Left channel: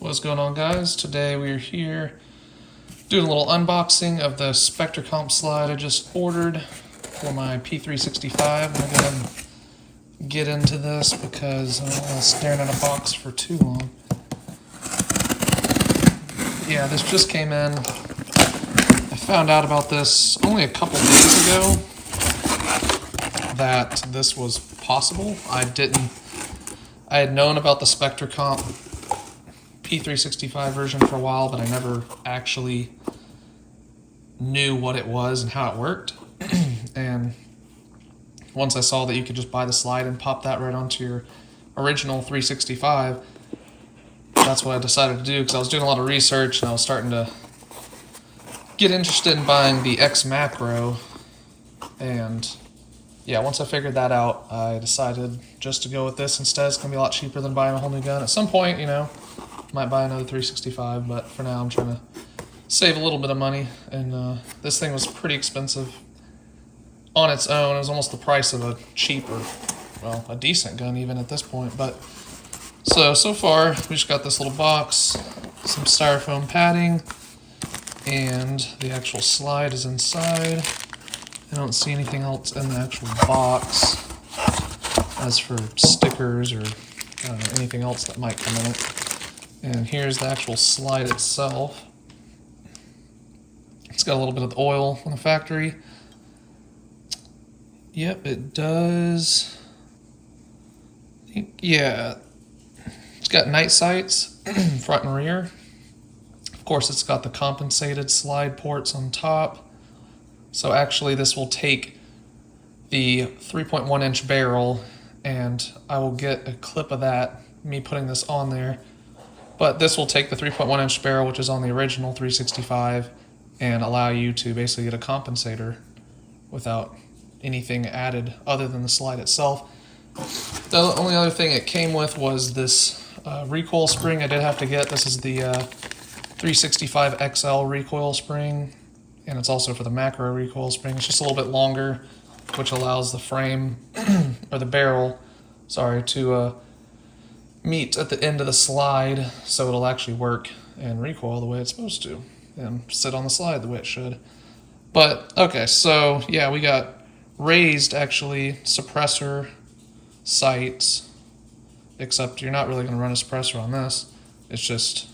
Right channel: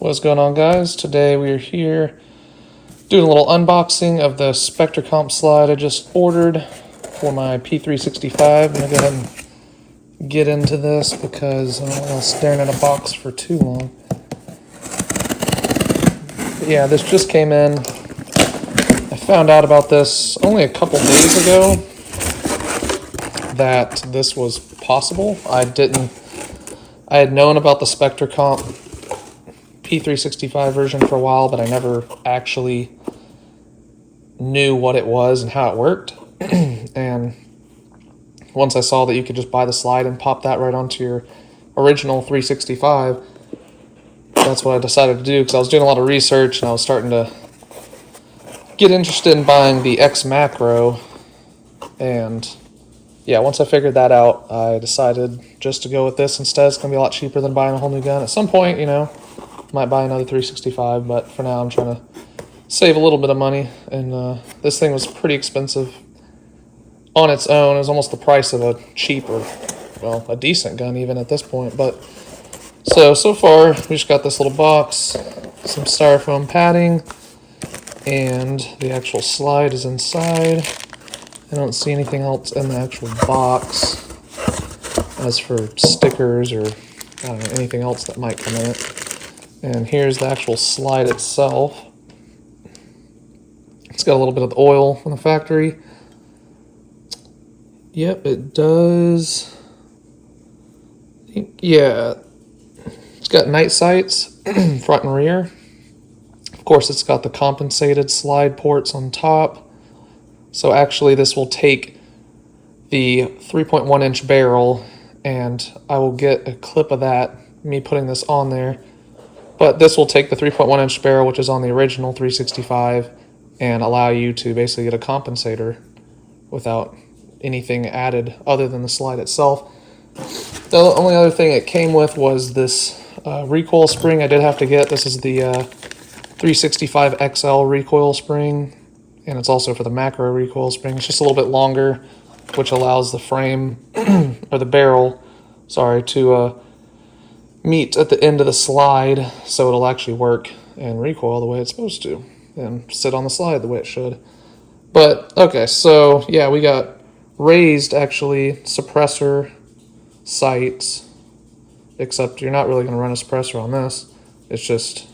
What's going on, guys? Today we are here doing a little unboxing of the Spectre Comp slide I just ordered for my P365. I'm going to go ahead and get into this because I'm not staring at a box for too long. But yeah, this just came in. I found out about this only a couple days ago that this was possible. I had known about the Spectre Comp P365 version for a while, but I never actually knew what it was and how it worked. And once I saw that you could just buy the slide and pop that right onto your original 365, that's what I decided to do, because I was doing a lot of research and I was starting to get interested in buying the Xmacro. And yeah, once I figured that out, I decided just to go with this instead. It's going to be a lot cheaper than buying a whole new gun. At some point, you know, might buy another 365, but for now I'm trying to save a little bit of money. And this thing was pretty expensive on its own. It was almost the price of a cheaper, well, a decent gun even at this point. But so far we just got this little box, some styrofoam padding, and the actual slide is inside. I don't see anything else in the actual box as for stickers or I don't know, anything else that might come in it. And here's the actual slide itself. It's got a little bit of the oil from the factory. Yep, it does. Yeah, it's got night sights, front and rear. Of course, it's got the compensated slide ports on top. So actually, this will take the 3.1 inch barrel, and I will get a clip of that, me putting this on there. But this will take the 3.1 inch barrel, which is on the original 365, and allow you to basically get a compensator without anything added other than the slide itself. The only other thing it came with was this recoil spring I did have to get. This is the 365 XL recoil spring, and it's also for the macro recoil spring. It's just a little bit longer, which allows the frame, or the barrel, sorry, to meet at the end of the slide, so it'll actually work and recoil the way it's supposed to and sit on the slide the way it should. But okay, so yeah, we got raised actually suppressor sights, except you're not really going to run a suppressor on this. It's just,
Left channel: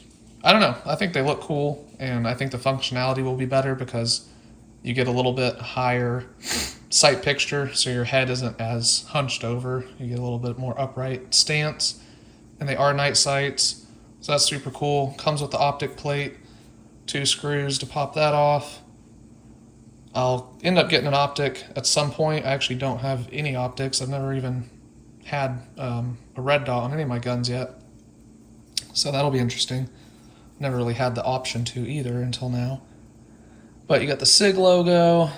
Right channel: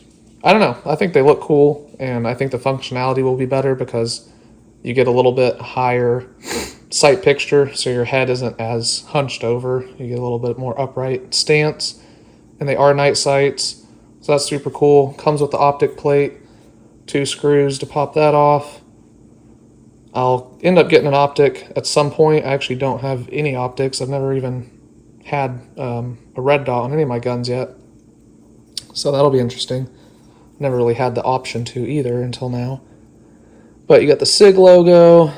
I don't know, I think they look cool, and I think the functionality will be better because you get a little bit higher sight picture, so your head isn't as hunched over. You get a little bit more upright stance. And they are night sights, so that's super cool. Comes with the optic plate, 2 screws to pop that off. I'll end up getting an optic at some point. I actually don't have any optics. I've never even had a red dot on any of my guns yet, so that'll be interesting. Never really had the option to either until now. But you got the SIG logo,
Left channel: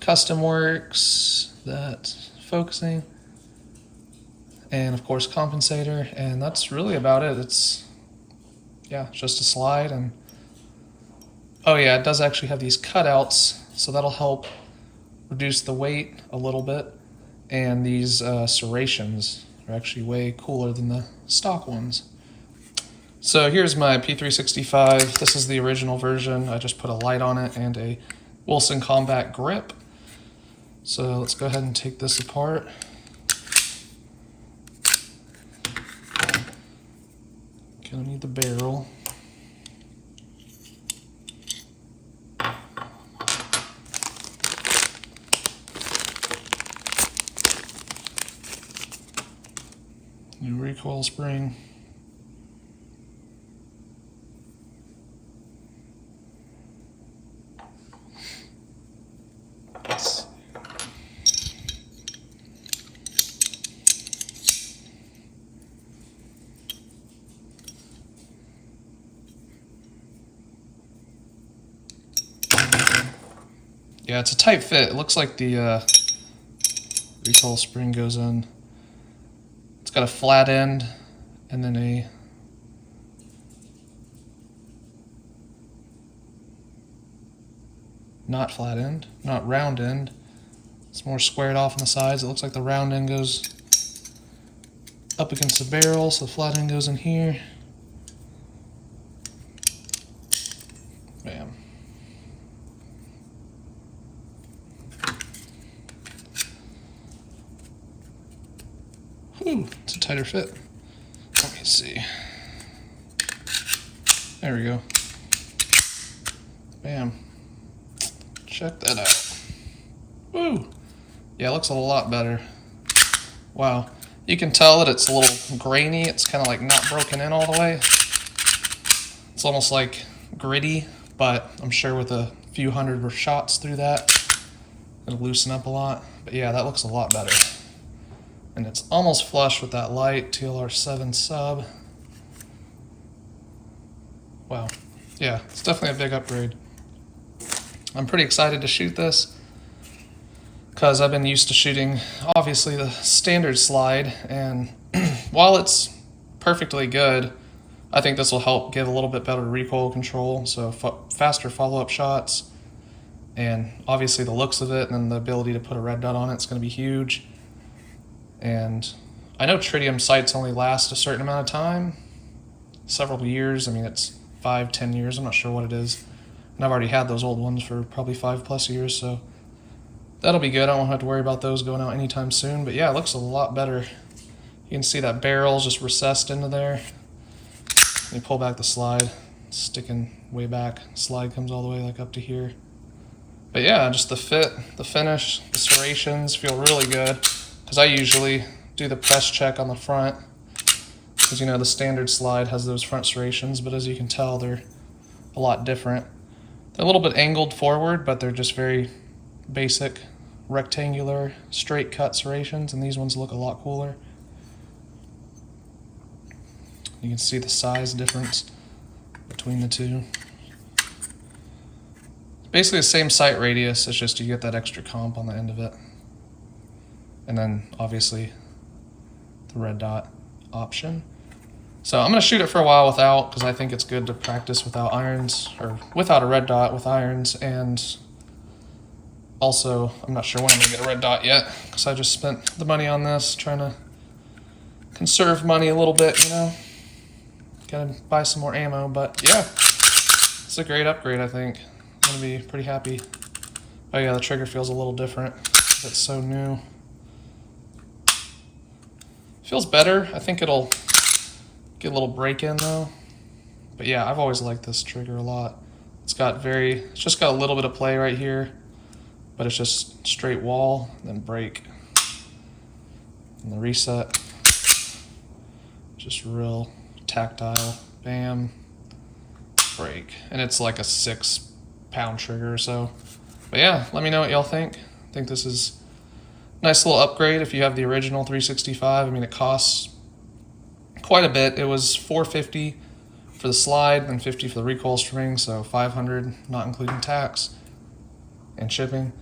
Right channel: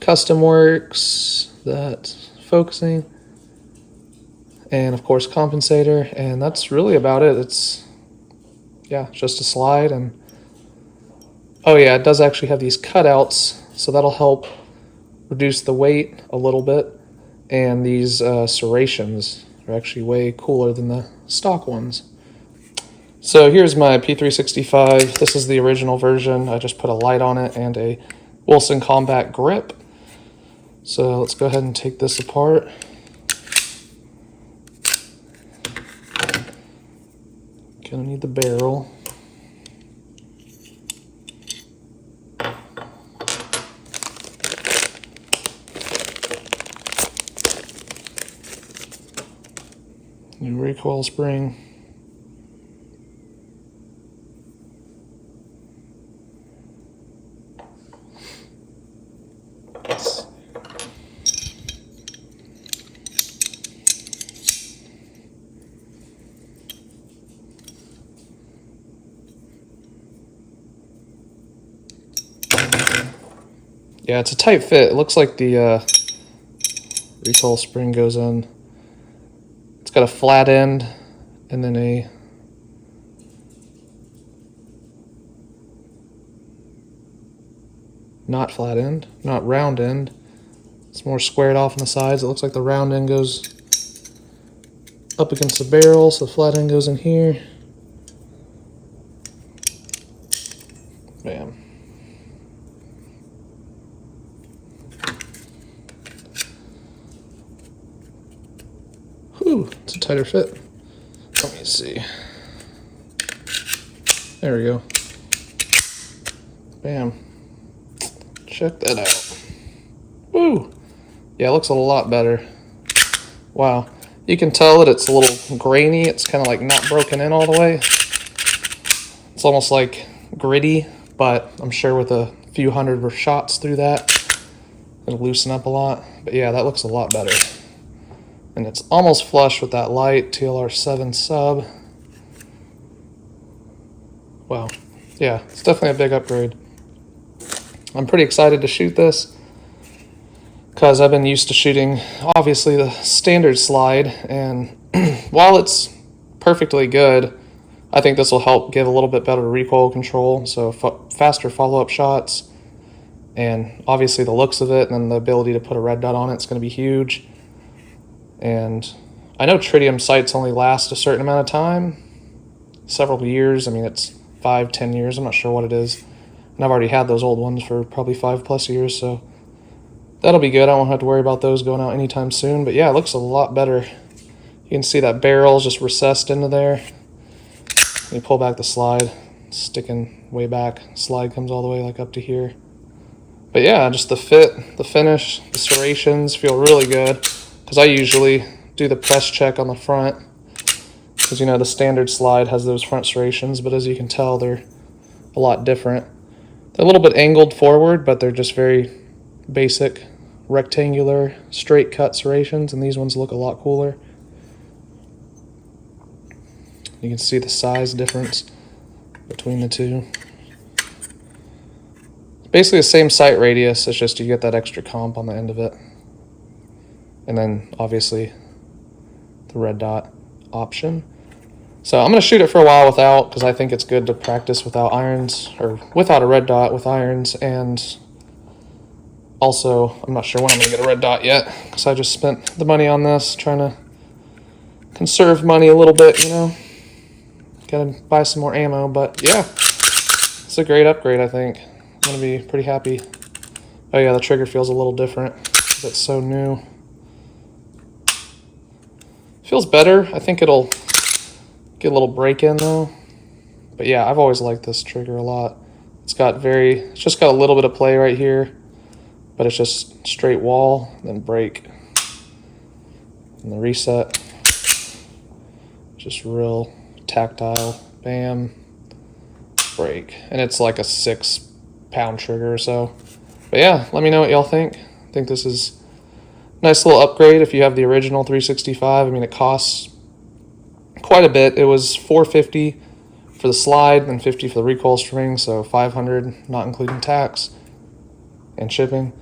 Custom Works, that's focusing, and of course compensator, and that's really about it. It's just a slide. And oh yeah, it does actually have these cutouts, so that'll help reduce the weight a little bit. And these serrations are actually way cooler than the stock ones. So here's my P365. This is the original version. I just put a light on it and a Wilson Combat grip. So let's go ahead and take this apart. Gonna need the barrel. New recoil spring. Yeah, it's a tight fit. It looks like the recoil spring goes in. It's got a flat end and then a not flat end, not round end. It's more squared off on the sides. It looks like the round end goes up against the barrel, so the flat end goes in here. Bam. Whew, it's a tighter fit. Let me see. There we go. Bam. Check that out. Woo! Yeah, it looks a lot better. Wow. You can tell that it's a little grainy. It's kind of like not broken in all the way. It's almost like gritty, but I'm sure with a few hundred shots through that, it'll loosen up a lot. But yeah, that looks a lot better. And it's almost flush with that light TLR7 sub. Wow. Yeah, it's definitely a big upgrade. I'm pretty excited to shoot this because I've been used to shooting, obviously, the standard slide, and while it's perfectly good, I think this will help give a little bit better recoil control, so faster follow-up shots, and obviously the looks of it and then the ability to put a red dot on it's going to be huge. And I know tritium sights only last a certain amount of time, several years. I mean, it's 5-10 years, I'm not sure what it is. And I've already had those old ones for probably 5+ years, so that'll be good. I won't have to worry about those going out anytime soon. But yeah, it looks a lot better. You can see that barrel is just recessed into there. You pull back the slide, sticking way back. Slide comes all the way like up to here. But yeah, just the fit, the finish, the serrations feel really good. Because I usually do the press check on the front. Because, you know, the standard slide has those front serrations, but as you can tell, they're a lot different. They're a little bit angled forward, but they're just very basic rectangular straight cut serrations, and these ones look a lot cooler. You can see the size difference between the two. It's basically the same sight radius, it's just you get that extra comp on the end of it. And then obviously the red dot option. So I'm going to shoot it for a while without, because I think it's good to practice without irons, or without a red dot with irons. And also, I'm not sure when I'm going to get a red dot yet, because I just spent the money on this, trying to conserve money a little bit, you know. Gotta buy some more ammo, but yeah, it's a great upgrade, I think. I'm going to be pretty happy. Oh yeah, the trigger feels a little different, because it's so new. Feels better. I think it'll get a little break in though. But yeah, I've always liked this trigger a lot. It's just got a little bit of play right here, but it's just straight wall, then break. And the reset, just real tactile, bam, break. And it's like a 6-pound trigger or so. But yeah, let me know what y'all think. I think this is a nice little upgrade if you have the original 365. I mean, it costs quite a bit. It was $450 for the slide and $50 for the recoil string, so $500, not including tax and shipping.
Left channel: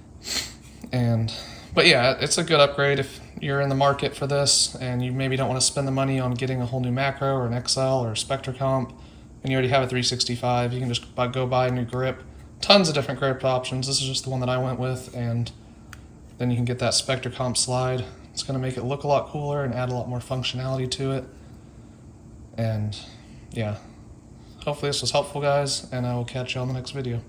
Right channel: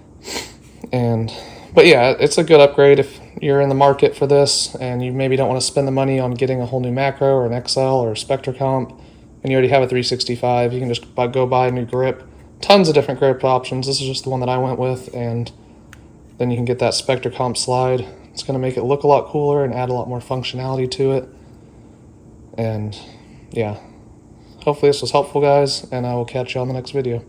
But yeah, it's a good upgrade if you're in the market for this and you maybe don't want to spend the money on getting a whole new macro or an XL or a SpectraComp, and you already have a 365. You can just go buy a new grip. Tons of different grip options. This is just the one that I went with, and then you can get that SpectraComp slide. It's going to make it look a lot cooler and add a lot more functionality to it. And yeah, hopefully this was helpful, guys, and I will catch you on the next video.